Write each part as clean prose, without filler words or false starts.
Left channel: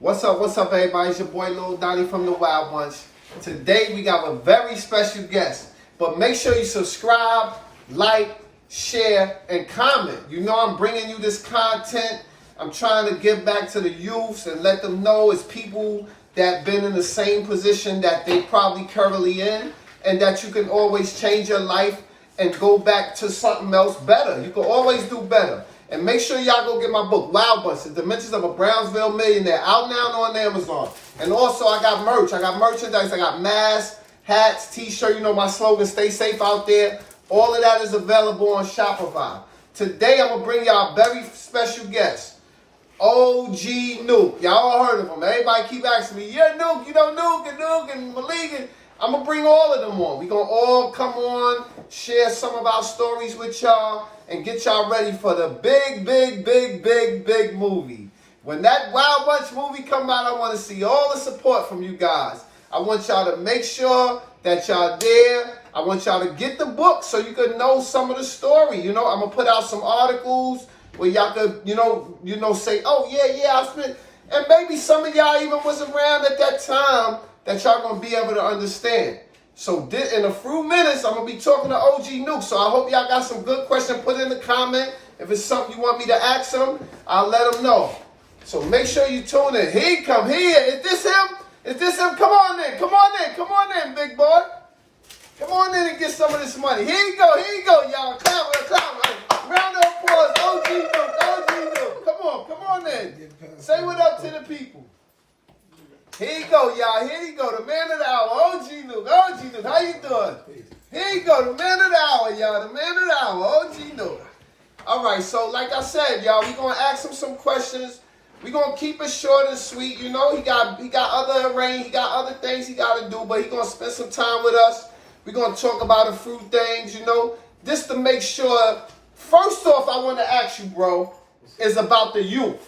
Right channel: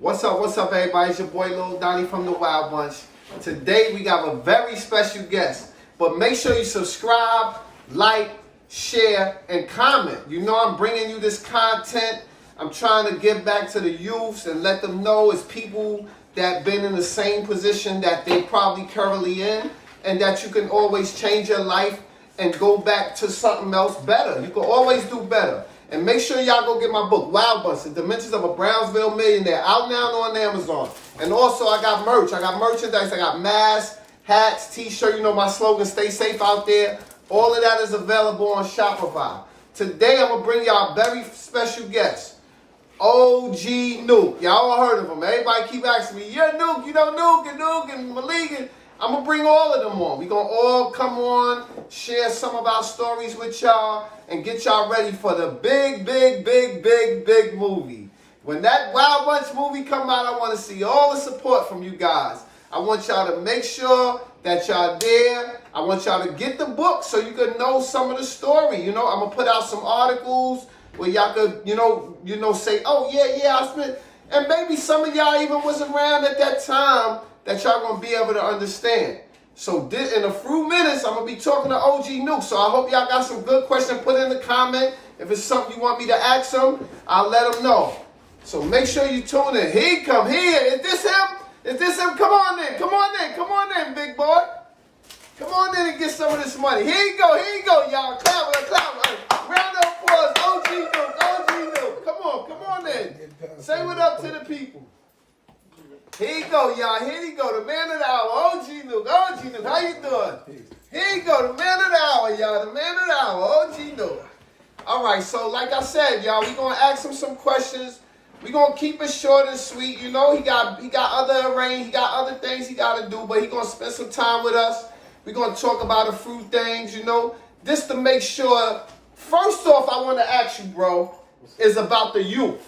What's up, everybody? It's your boy Lil Donnie from the Wild Bunch. Today we got a very special guest. But make sure you subscribe, like, share, and comment. You know I'm bringing you this content. I'm trying to give back to the youths and let them know it's people that been in the same position that they probably currently in, and that you can always change your life and go back to something else better. You can always do better. And make sure y'all go get my book, Wild Bunch, The Dimensions of a Brownsville Millionaire, out now on Amazon. And also, I got merch. I got merchandise. I got masks, hats, t-shirt. You know my slogan, stay safe out there. All of that is available on Shopify. Today, I'm going to bring y'all a very special guest, OG NUKE. Y'all all heard of him. Everybody keep asking me, yeah, NUKE, you know NUKE and Malik. I'm going to bring all of them on. We're going to all come on, share some of our stories with y'all, and get y'all ready for the big movie. When that Wild Bunch movie come out, I want to see all the support from you guys. I want y'all to make sure that y'all there. I want y'all to get the book so you can know some of the story. You know, I'm going to put out some articles where y'all could, you know, say, oh, yeah, I spent. And maybe some of y'all even was around at that time that y'all going to be able to understand. So in a few minutes, I'm going to be talking to OG NUKE. So I hope y'all got some good questions. Put in the comment. If it's something you want me to ask him, I'll let him know. So make sure you tune in. Here he come. Here. Is this him? Is this him? Come on in. Come on in, big boy. Come on in and get some of this money. Here you go, y'all. Clap. Round of applause. OG NUKE. Come on in. Say what up to the people. Here you go, y'all. Here you go. The man of the hour, OG NUKE. How you doing? Here you go. The man of the hour, y'all. The man of the hour, OG NUKE. All right, so like I said, y'all, we're going to ask him some questions. We're going to keep it short and sweet. You know, he got other arrangements. He got other things he got to do, but he's going to spend some time with us. We're going to talk about a few things, you know, just to make sure. First off, I want to ask you, bro, is about the youth.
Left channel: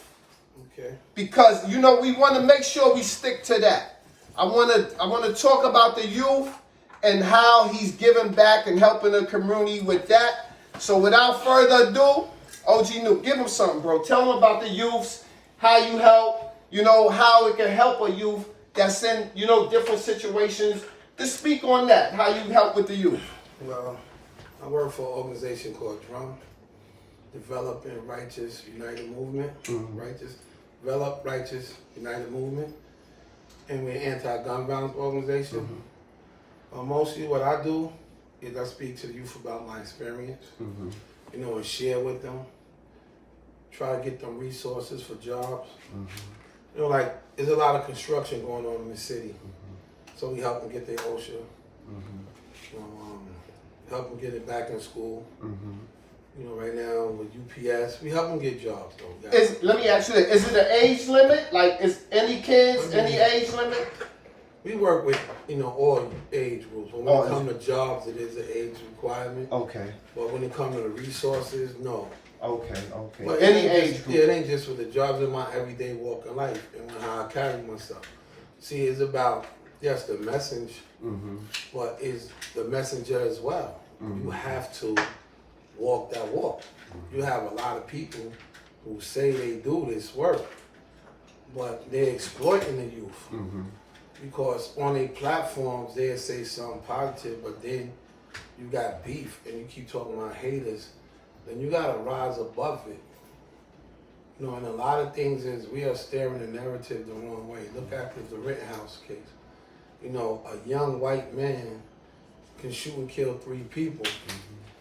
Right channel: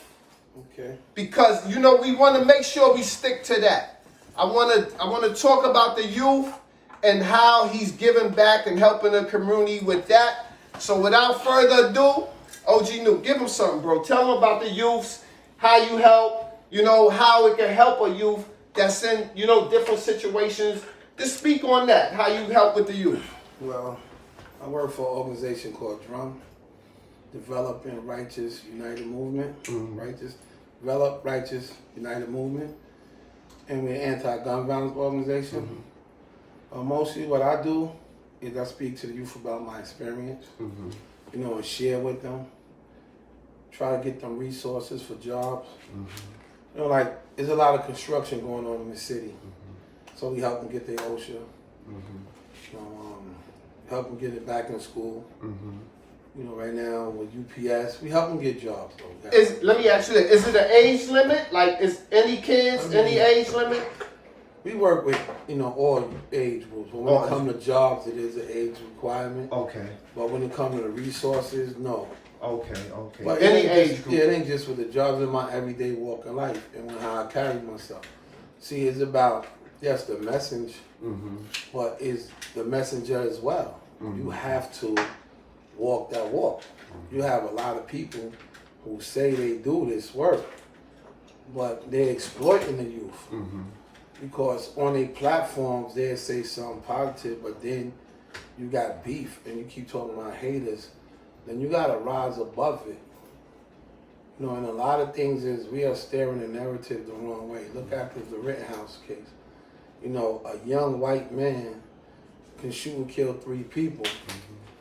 Okay. Because, you know, we want to make sure we stick to that. I want to talk about the youth and how he's giving back and helping the community with that. So without further ado, OG NUKE, give him something, bro. Tell him about the youths, how you help, you know, how it can help a youth that's in, you know, different situations. Just speak on that, how you help with the youth. Well, I work for an organization called DRUM, Developing Righteous United Movement. Develop Righteous United Movement. And we're an anti-gun violence organization. Mostly what I do is I speak to the youth about my experience, you know, and share with them. Try to get them resources for jobs. You know, like, there's a lot of construction going on in the city. So we help them get their OSHA, help them get it back in school. You know, right now with UPS, we help them get jobs, though. Let me ask you this. Is it an age limit? Like, is any kids, any age limit? We work with, you know, all age groups. But when it comes to jobs, it is an age requirement. Okay. But when it comes to the resources, no. Okay. But any age group. Yeah, it ain't just with the jobs in my everyday walk of life and how I carry myself. See, it's about, yes, the message, but it's the messenger as well. You have to walk that walk. You have a lot of people who say they do this work, but they're exploiting the youth. Because on their platforms, they say something positive, but then you got beef and you keep talking about haters, then you got to rise above it. You know, and a lot of things is we are steering the narrative the wrong way. Look at the Rittenhouse case. You know, a young white man can shoot and kill 3 people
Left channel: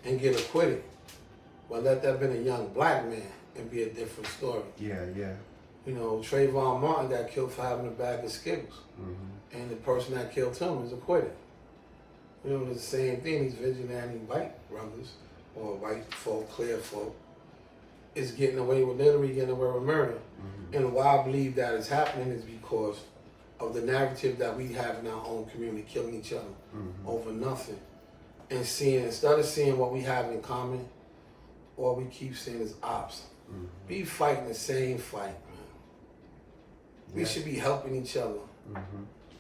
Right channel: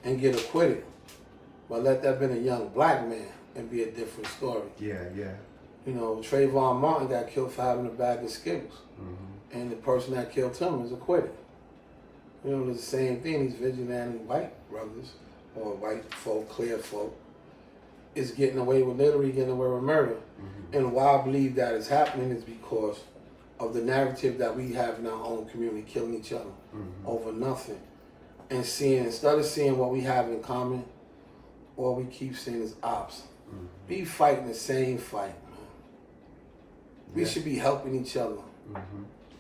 and get acquitted. But let that have been a young black man and be a different story. Yeah. You know, Trayvon Martin got killed for having a bag of Skittles. And the person that killed him is acquitted. You know, it's the same thing. These vigilante white brothers, or white folk, clear folk, is getting away with murder. And why I believe that is happening is because of the narrative that we have in our own community, killing each other over nothing. And instead of seeing what we have in common, all we keep seeing is ops. We fighting the same fight, man. We should be helping each other,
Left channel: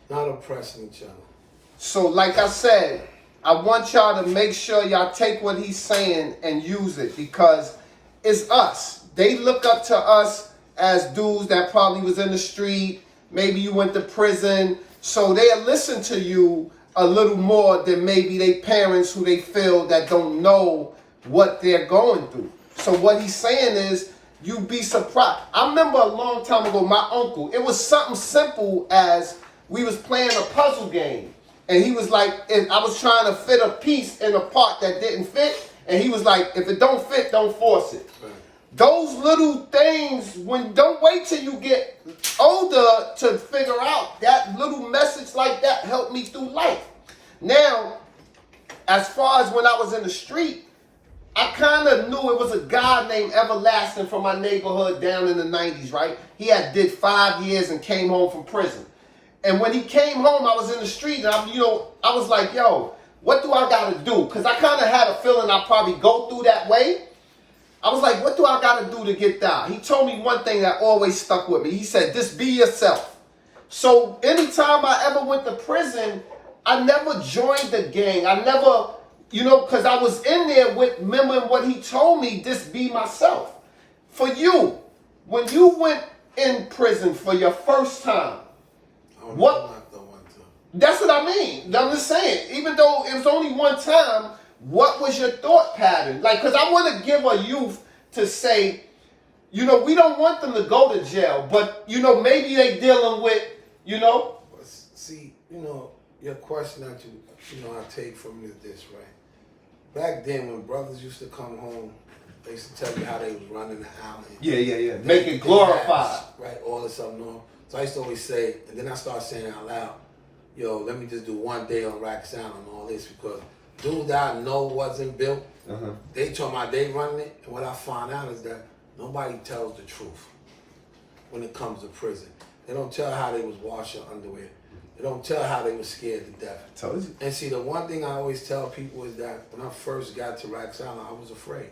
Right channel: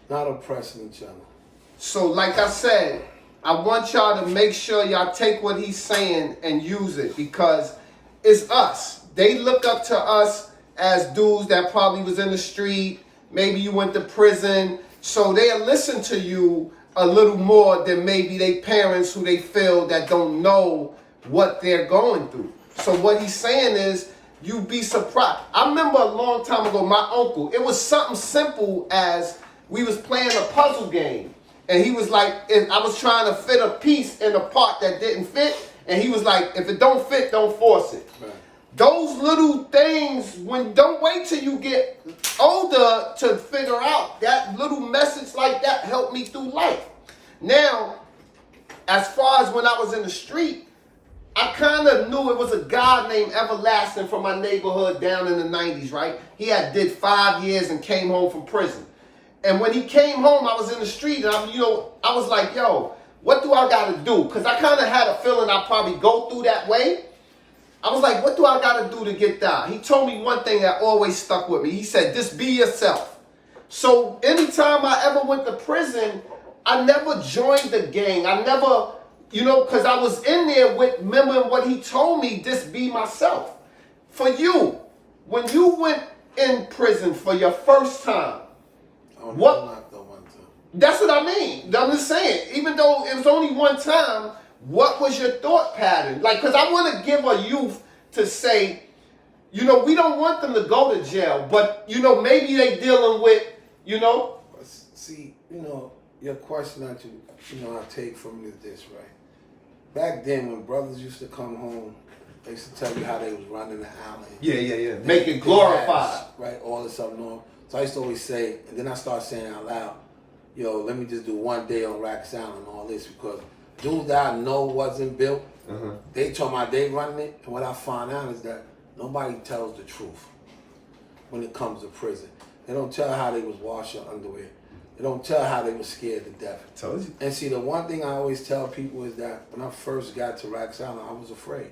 not oppressing each other. So like I said, I want y'all to make sure y'all take what he's saying and use it, because it's us. They look up to us as dudes that probably was in the street. Maybe you went to prison. So they'll listen to you a little more than maybe they parents who they feel that don't know what they're going through. So what he's saying is, you'd be surprised. I remember a long time ago, my uncle, it was something simple as we was playing a puzzle game. And he was like, I was trying to fit a piece in a part that didn't fit. And he was like, if it don't fit, don't force it. Right. Those little things, don't wait till you get older to figure out. That little message like that helped me through life. Now, as far as when I was in the street, I kind of knew it was a guy named Everlasting from my neighborhood down in the 90s, right? He had did 5 years and came home from prison. And when he came home, I was in the street, and I was like, yo, what do I got to do? Because I kind of had a feeling I'd probably go through that way. I was like, what do I got to do to get down? He told me one thing that always stuck with me. He said, just be yourself. So anytime I ever went to prison, I never joined the gang. I never, because I was in there with, remembering what he told me, just be myself. For you, when you went in prison for your first time, that's what I mean. I'm just saying, even though it was only one time, what was your thought pattern? Like, because I want to give a youth to say, we don't want them to go to jail, but, maybe they dealing with, See, your question that I take from you is this, right? Back then, when brothers used to come home, they used to tell you how they was running the alley. Yeah. Make it glorified. Right, all this stuff. So I used to always say, and then I started saying out loud, yo, let me just do one day on Rack Sound and all this, because dudes that I know wasn't built, they told me they running it, and what I found out is that nobody tells the truth when it comes to prison. They don't tell how they was washing underwear. They don't tell how they was scared to death. Told you. And see, the one thing I always tell people is that when I first got to Rack Sound, I was afraid.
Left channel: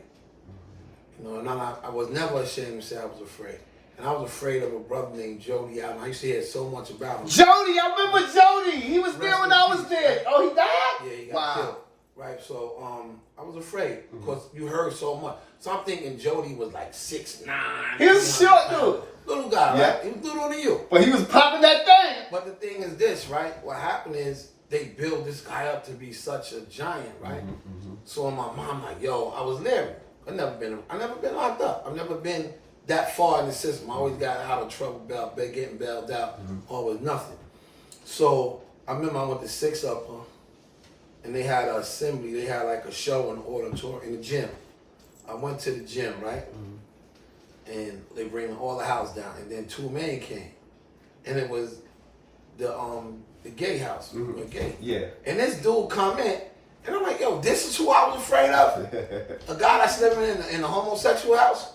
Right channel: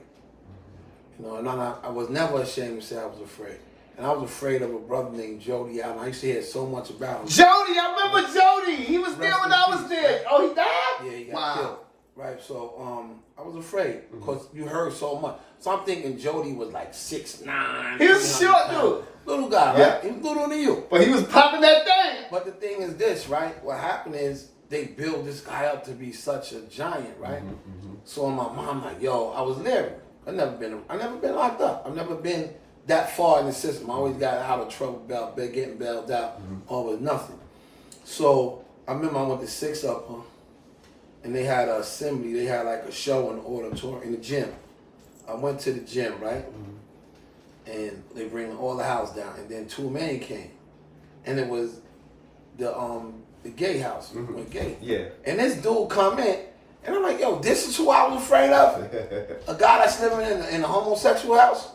And I was never ashamed to say I was afraid. And I was afraid of a brother named Jody Allen. I used to hear so much about him. Jody, I remember Jody. He was there when I was there. Oh, he died? Yeah, he got killed. Right, so I was afraid because you heard so much. So I'm thinking Jody was like 6'9". He was a short dude. Little guy, right? He was little than you. But he was popping that thing. But the thing is this, right? What happened is they built this guy up to be such a giant, right? So my mom like, yo, I was leery. I never been locked up. I've never been that far in the system. I always got out of trouble, getting bailed out, always nothing. So I remember I went to 6 Up, and they had an assembly. They had like a show in the auditorium in the gym. I went to the gym, right? And they bring all the house down, and then 2 men came, and it was the gay house, gay. Yeah. And this dude come in, and I'm like, yo, this is who I was afraid of, a guy that's living in a homosexual house.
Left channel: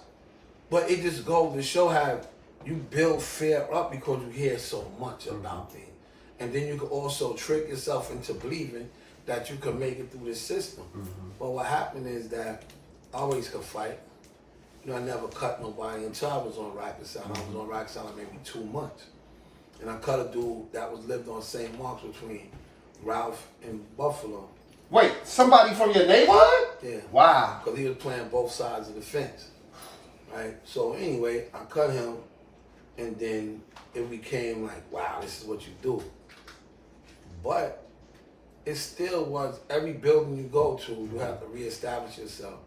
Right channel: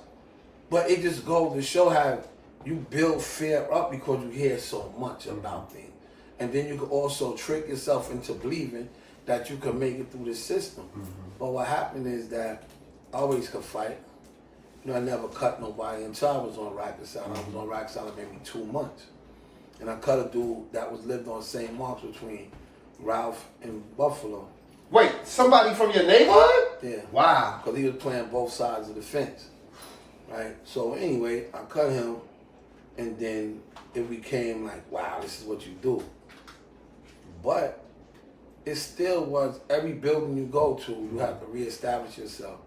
But it just goes to show how you build fear up because you hear so much about things. And then you can also trick yourself into believing that you can make it through the system. But what happened is that I always could fight. I never cut nobody until I was on Rack Sound. I was on Rack Sound maybe 2 months. And I cut a dude that was lived on St. Mark's between Ralph and Buffalo. Wait, somebody from your neighborhood? Yeah. Wow. Because he was playing both sides of the fence. Right? So anyway, I cut him, and then it became like, wow, this is what you do. But it still was, every building you go to, you have to reestablish yourself.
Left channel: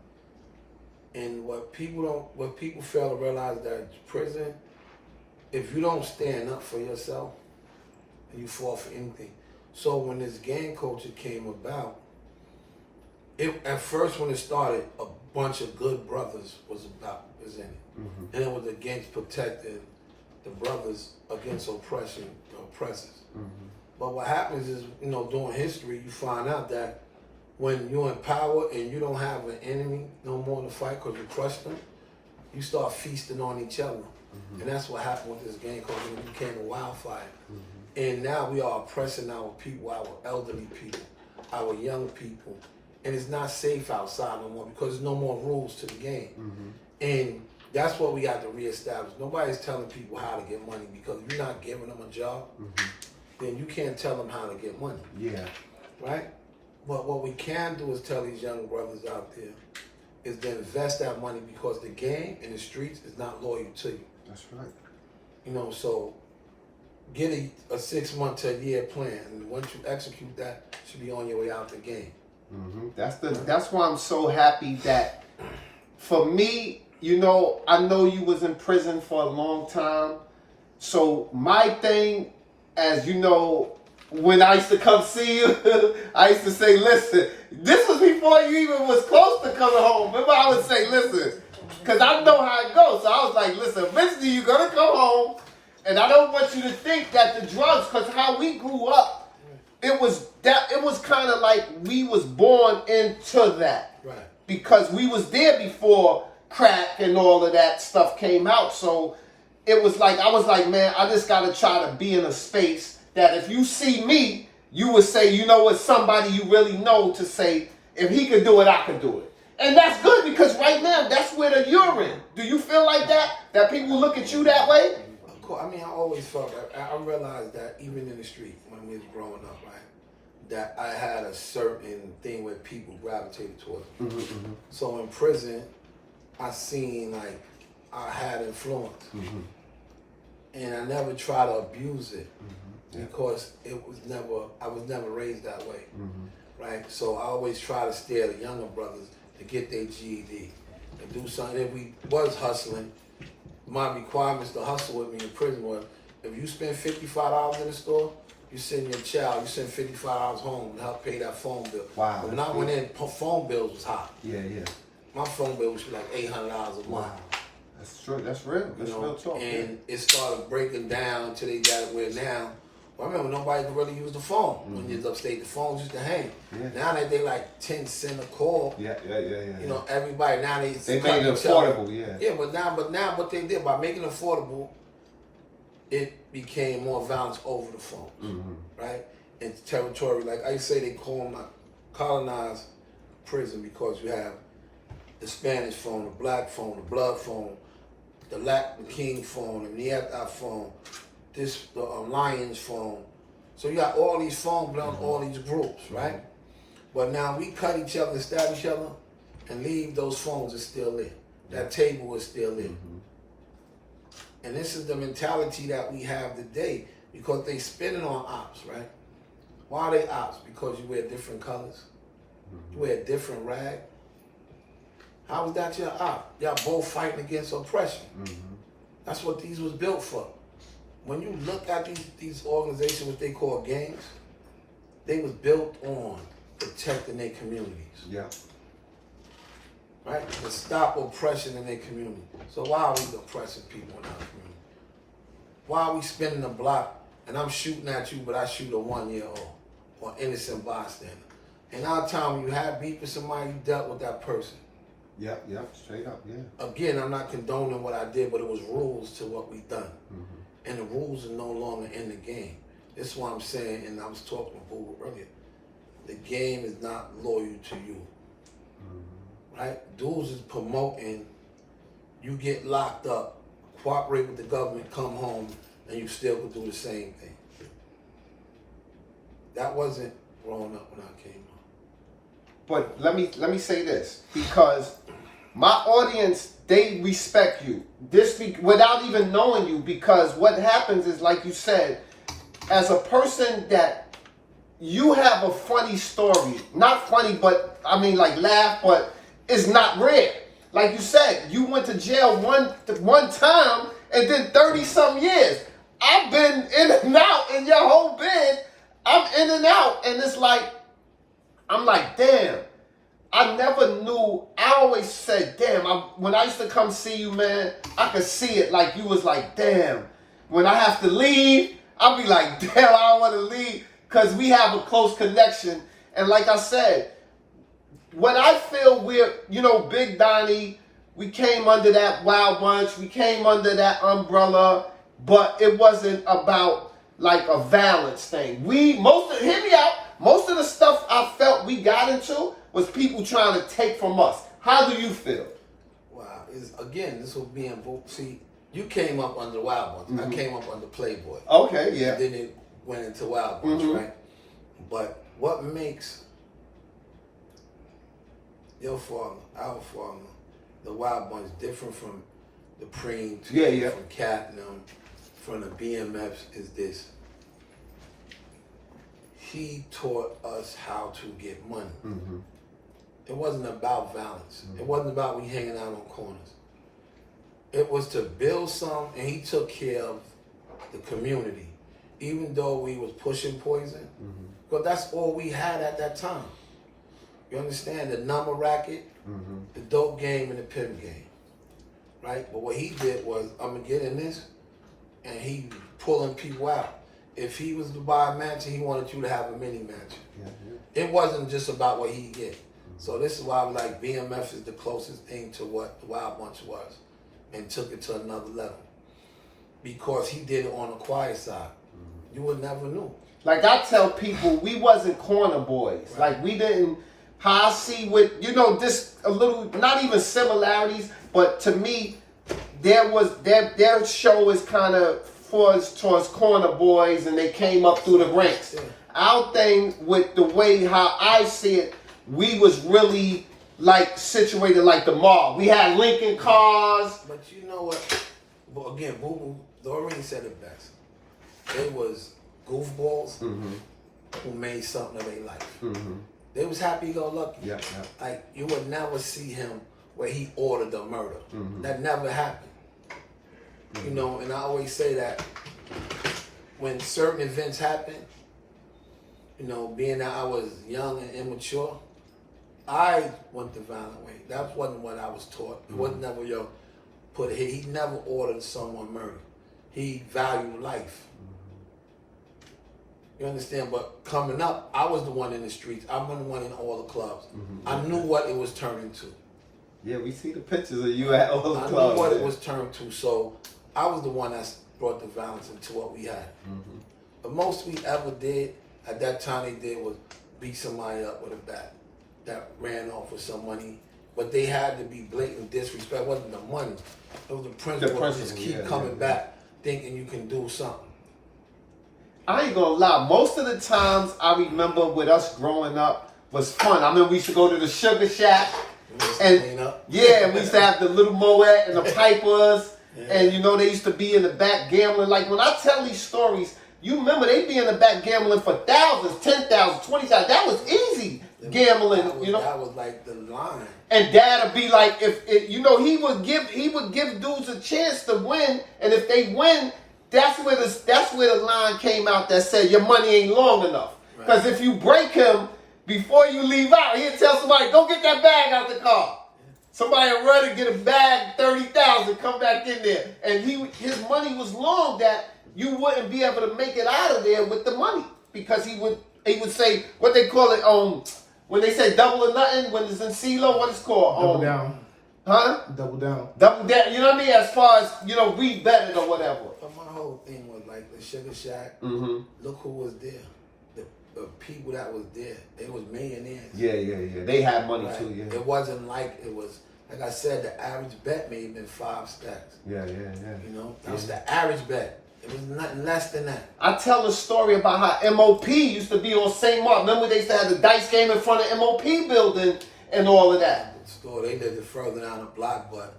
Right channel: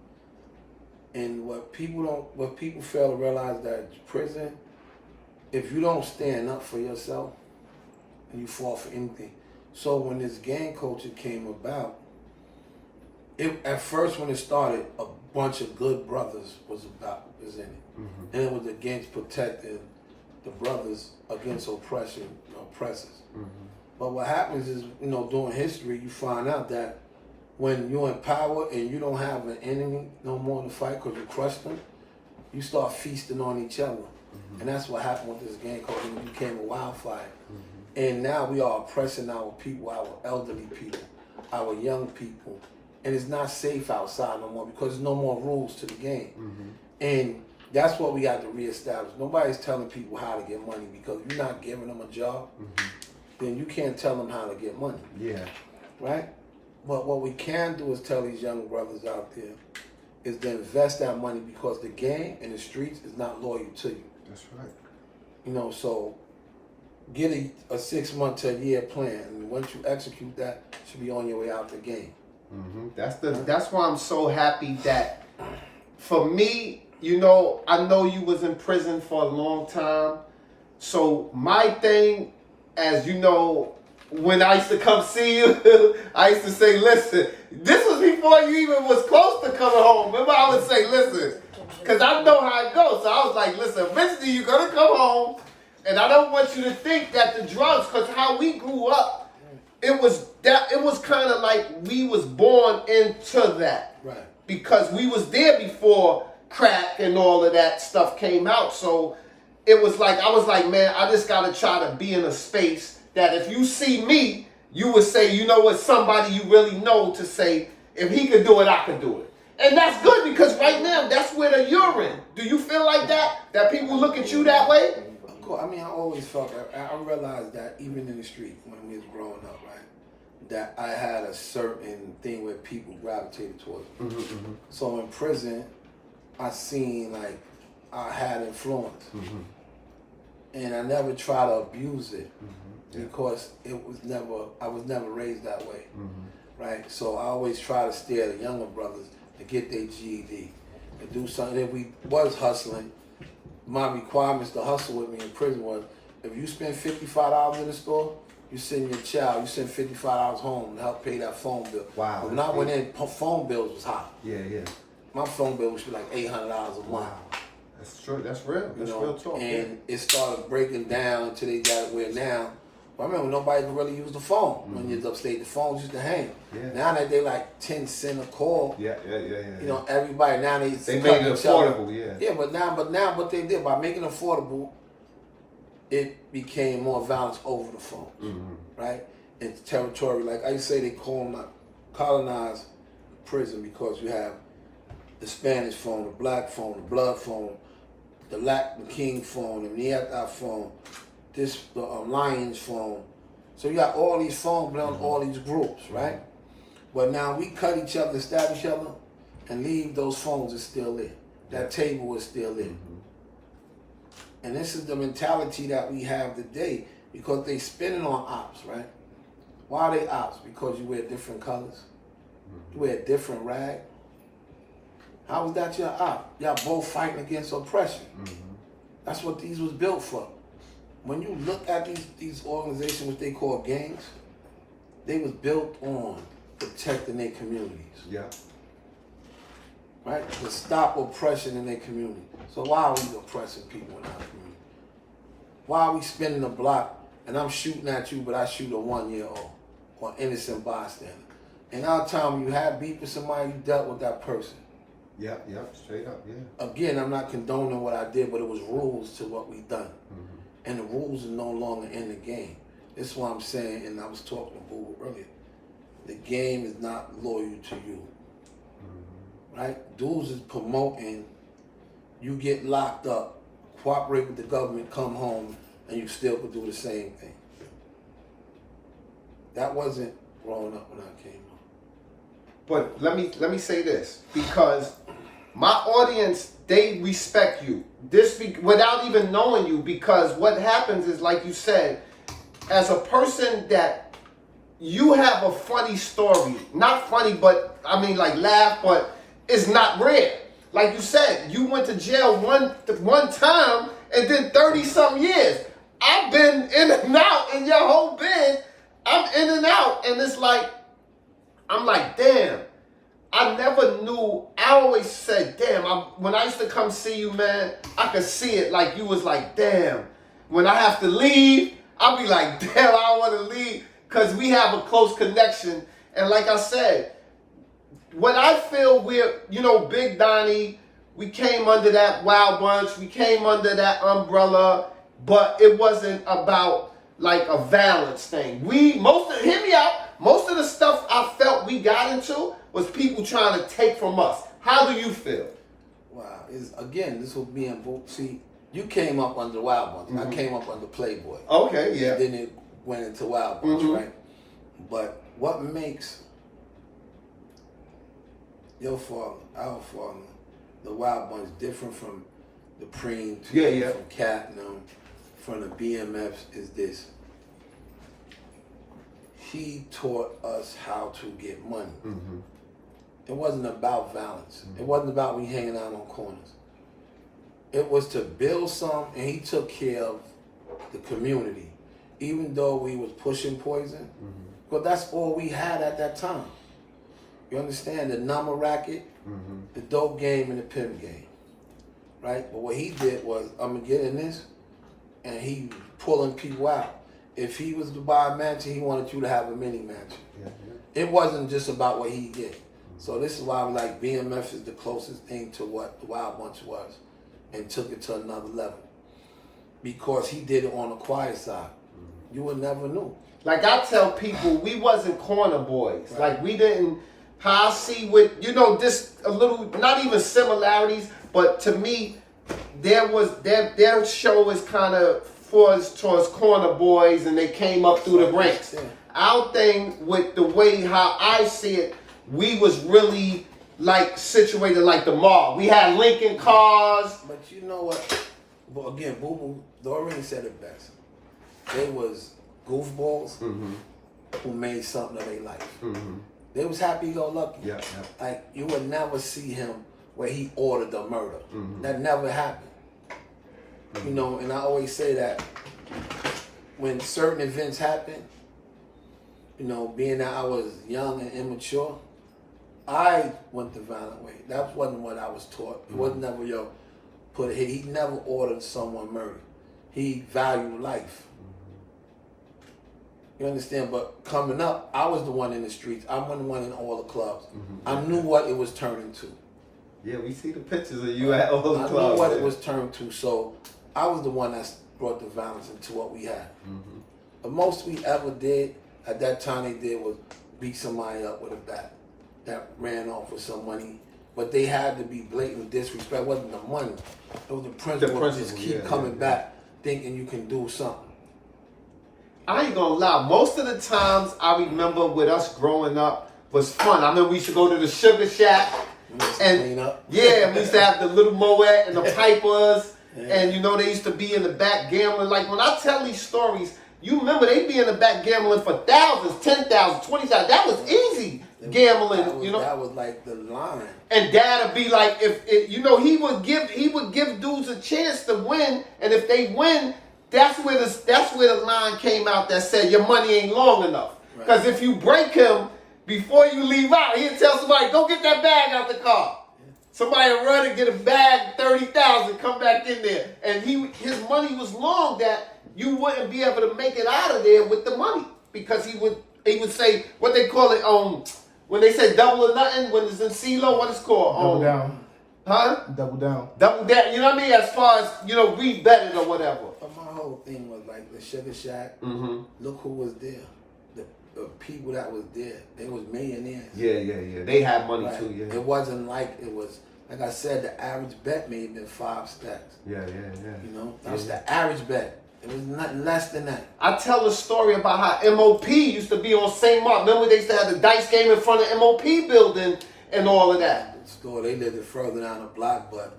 And what people fail to realize that prison, if you don't stand up for yourself, you fall for anything. So when this gang culture came about, at first when it started, a bunch of good brothers was in it. And it was against protecting the brothers against oppressors. But what happens is, during history, you find out that when you're in power and you don't have an enemy no more to fight because you crushed them, you start feasting on each other. And that's what happened with this gang culture. It became a wildfire. And now we are oppressing our people, our elderly people, our young people. And it's not safe outside no more because there's no more rules to the game. And that's what we got to reestablish. Nobody's telling people how to get money because you're not giving them a job. Then you can't tell them how to get money. Yeah. Right? But what we can do is tell these young brothers out there is to invest that money because the gang in the streets is not loyal to you. That's right. You know, so get a 6 month to a year plan, and once you execute that, you should be on your way out the game. That's why I'm so happy that, for me, you know, I know you was in prison for a long time. So my thing, as you know, when I used to come see you, I used to say, listen, this was before you even was close to coming home. Remember, I would say, listen, because I know how it goes. So I was like, listen, eventually you're going to come home, and I don't want you to think that the drugs, because how we grew up, it was kind of like we was born into that. Right. Because we was there before crack and all of that stuff came out. So it was like, I was like, man, I just got to try to be in a space that if you see me, you would say, you know what, somebody you really know to say, if he could do it, I could do it. And that's good, because right now, that's where the you're in. Do you feel like that? That people look at you that way? Of course. I mean, I always felt that. I realized that even in the street when we was growing up, right, that I had a certain thing where people gravitated towards me. So in prison, I seen like I had influence. And I never tried to abuse it because I was never raised that way. Right? So I always try to steer the younger brothers to get their GED and do something. If we was hustling, my requirements to hustle with me in prison was, if you spend $55 in the store, you send your child, you send $55 home to help pay that phone bill. Wow. But not when phone bills was high. Yeah. My phone bill was like $800 a month. Wow. That's true. That's real. That's real talk. And it started breaking down until they got it where now. I remember nobody could really use the phone when you was upstate. The phones used to hang. Yeah. Now that they like 10 cents a call. Yeah. You know, everybody now they made it affordable. Yeah. But now what they did by making it affordable, it became more violence over the phone, right? It's territory. Like I say, they colonize prison because you have the Spanish phone, the black phone, the blood phone, the King phone, the Nieta phone, the Lions phone. So you got all these phones belong all these groups, right? But now we cut each other, stab each other, and leave those phones is still there. That table is still there. And this is the mentality that we have today because they spinning on ops, right? Why are they ops? Because you wear different colors. You wear a different rag. How is that your op? Y'all both fighting against oppression. That's what these was built for. When you look at these organizations, what they call gangs, they was built on protecting their communities. Yeah. Right? To stop oppression in their community. So why are we oppressing people in our community? Why are we spinning the block and I'm shooting at you, but I shoot a 1-year-old or innocent bystander? In our time, when you had beef with somebody, you dealt with that person. Yep, straight up, yeah. Again, I'm not condoning what I did, but it was rules to what we done. And the rules are no longer in the game. That's what I'm saying, and I was talking to Google earlier. The game is not loyal to you. Right? Dudes is promoting, you get locked up, cooperate with the government, come home, and you still could do the same thing. That wasn't growing up when I came up. But let me say this, because my audience, they respect you. Without even knowing you, because what happens is, like you said, as a person that you have a funny story. Not funny, but I mean like laugh, but it's not rare. Like you said, you went to jail one time and then 30-something years. I've been in and out in your whole bid. I'm in and out, and it's like, I'm like, damn. I never knew. I always said, damn. When I used to come see you, man, I could see it. Like you was like, damn. When I have to leave, I'll be like, damn, I don't want to leave, because we have a close connection. And like I said, when I feel we're, Big Donnie, we came under that Wild Bunch, we came under that umbrella, but it wasn't about like a violence thing. Hear me out. Most of the stuff I felt we got into was people trying to take from us. How do you feel? Wow. This was being, see, you came up under Wild Bunch. I came up under Playboy. Okay, yeah. And then it went into Wild Bunch, right? But what makes your father, our father, the Wild Bunch different from the preem, from Platinum, from the BMFs is this. He taught us how to get money. Mm-hmm. It wasn't about violence. Mm-hmm. It wasn't about we hanging out on corners. It was to build something, and he took care of the community, even though we was pushing poison, because that's all we had at that time. You understand? The number racket, the dope game, and the pimp game, right? But what he did was, I'm gonna get in this, and he pulling people out. If he was to buy a mansion, he wanted you to have a mini mansion. Yeah. It wasn't just about what he get. So this is why I'm like, BMF is the closest thing to what the Wild Bunch was, and took it to another level. Because he did it on the quiet side. You would never know. Like I tell people, we wasn't corner boys. Right. Like we didn't, how I see with, just a little, not even similarities, but to me, there was, their show is kind of towards corner boys, and they came up through the ranks. Yeah. Our thing with the way how I see it, we was really like situated like the mall. We had Lincoln cars. But you know what? Well, again, Boo Boo already said it best. They was goofballs who made something of their life. They was happy-go-lucky. Yeah. Like, you would never see him where he ordered the murder. That never happened. And I always say that when certain events happen, being that I was young and immature, I went the violent way. That wasn't what I was taught. It wasn't never, put a hit. He never ordered someone murdered. He valued life. You understand? But coming up, I was the one in the streets. I wasn't the one in all the clubs. I knew what it was turning to. Yeah, we see the pictures of you at all the clubs. I knew what it was turned to, so I was the one that brought the violence into what we had. The most we ever did at that time they did was beat somebody up with a bat that ran off with some money. But they had to be blatant disrespect. It wasn't the money. It was the principle of just keep coming back thinking you can do something. I ain't gonna lie. Most of the times I remember with us growing up was fun. I remember we used to go to the Sugar Shack. And yeah, we used to have the little Moet and the Pipers. And they used to be in the back gambling. Like when I tell these stories, you remember they be in the back gambling for thousands, 10,000, 20,000. That was easy gambling. That was like the line. And Dad'd be like, he would give dudes a chance to win, and if they win, that's where the line came out that said your money ain't long enough. Because if you break him before you leave out, he'll tell somebody, go get that bag out the car. Somebody will run and get a bag, 30,000, come back in there. And his money was long that you wouldn't be able to make it out of there with the money. Because he would say, what they call it, when they say double or nothing, when it's in CeeLo, what it's called? Double down. Huh? Double down. Double down, you know what I mean? As far as, we betted or whatever. But my whole thing was like the Sugar Shack, look who was there. The people that was there, they was millionaires. Yeah. They had money too, yeah. It wasn't like it was, like I said, the average bet may have been 5 stacks. Yeah. That was the average bet. It was nothing less than that. I tell a story about how MOP used to be on St. Mark. Remember they used to have the dice game in front of MOP building and all of that. The store, they lived it further down the block, but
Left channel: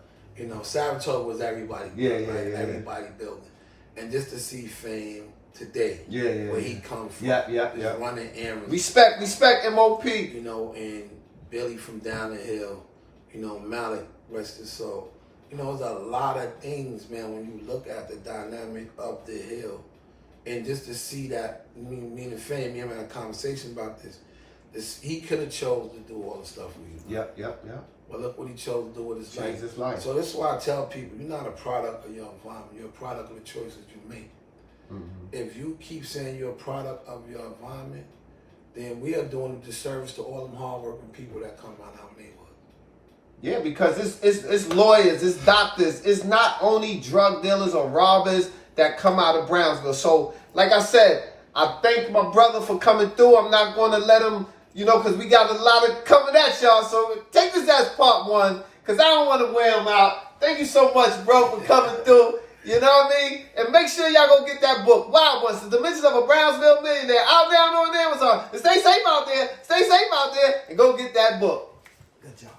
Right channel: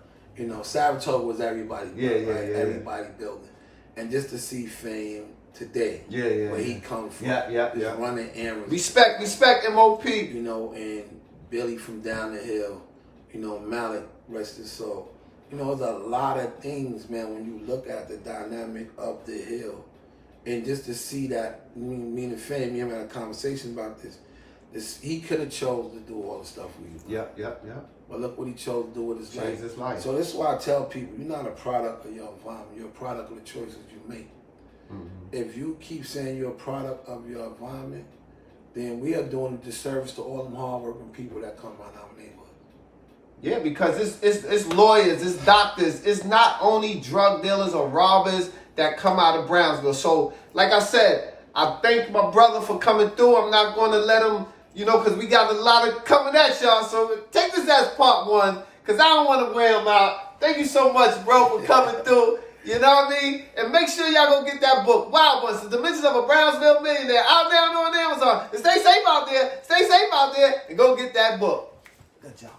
Saratoga was everybody. Everybody building. And just to see Fame today, where he come from, running errands. Respect MOP. And Billy from down the hill, Malik, rest his soul. There's a lot of things, man, when you look at the dynamic up the hill. And just to see that, me and Fame, we had a conversation about this. He could have chose to do all the stuff we do. Yep. But look what he chose to do with his life. Changed his life. So this is why I tell people, you're not a product of your environment. You're a product of the choices you make. If you keep saying you're a product of your environment, then we are doing a disservice to all them hardworking people that come out of our neighborhood. Yeah, because it's lawyers, it's doctors, it's not only drug dealers or robbers that come out of Brownsville. So, like I said, I thank my brother for coming through. I'm not going to let him, because we got a lot of coming at y'all. So take this as part 1, because I don't want to wear him out. Thank you so much, bro, for coming through. You know what I mean? And make sure y'all go get that book, Wild Bunch, The Dimensions of a Brownsville Millionaire, out now on Amazon. And stay safe out there, and go get that book. Good job.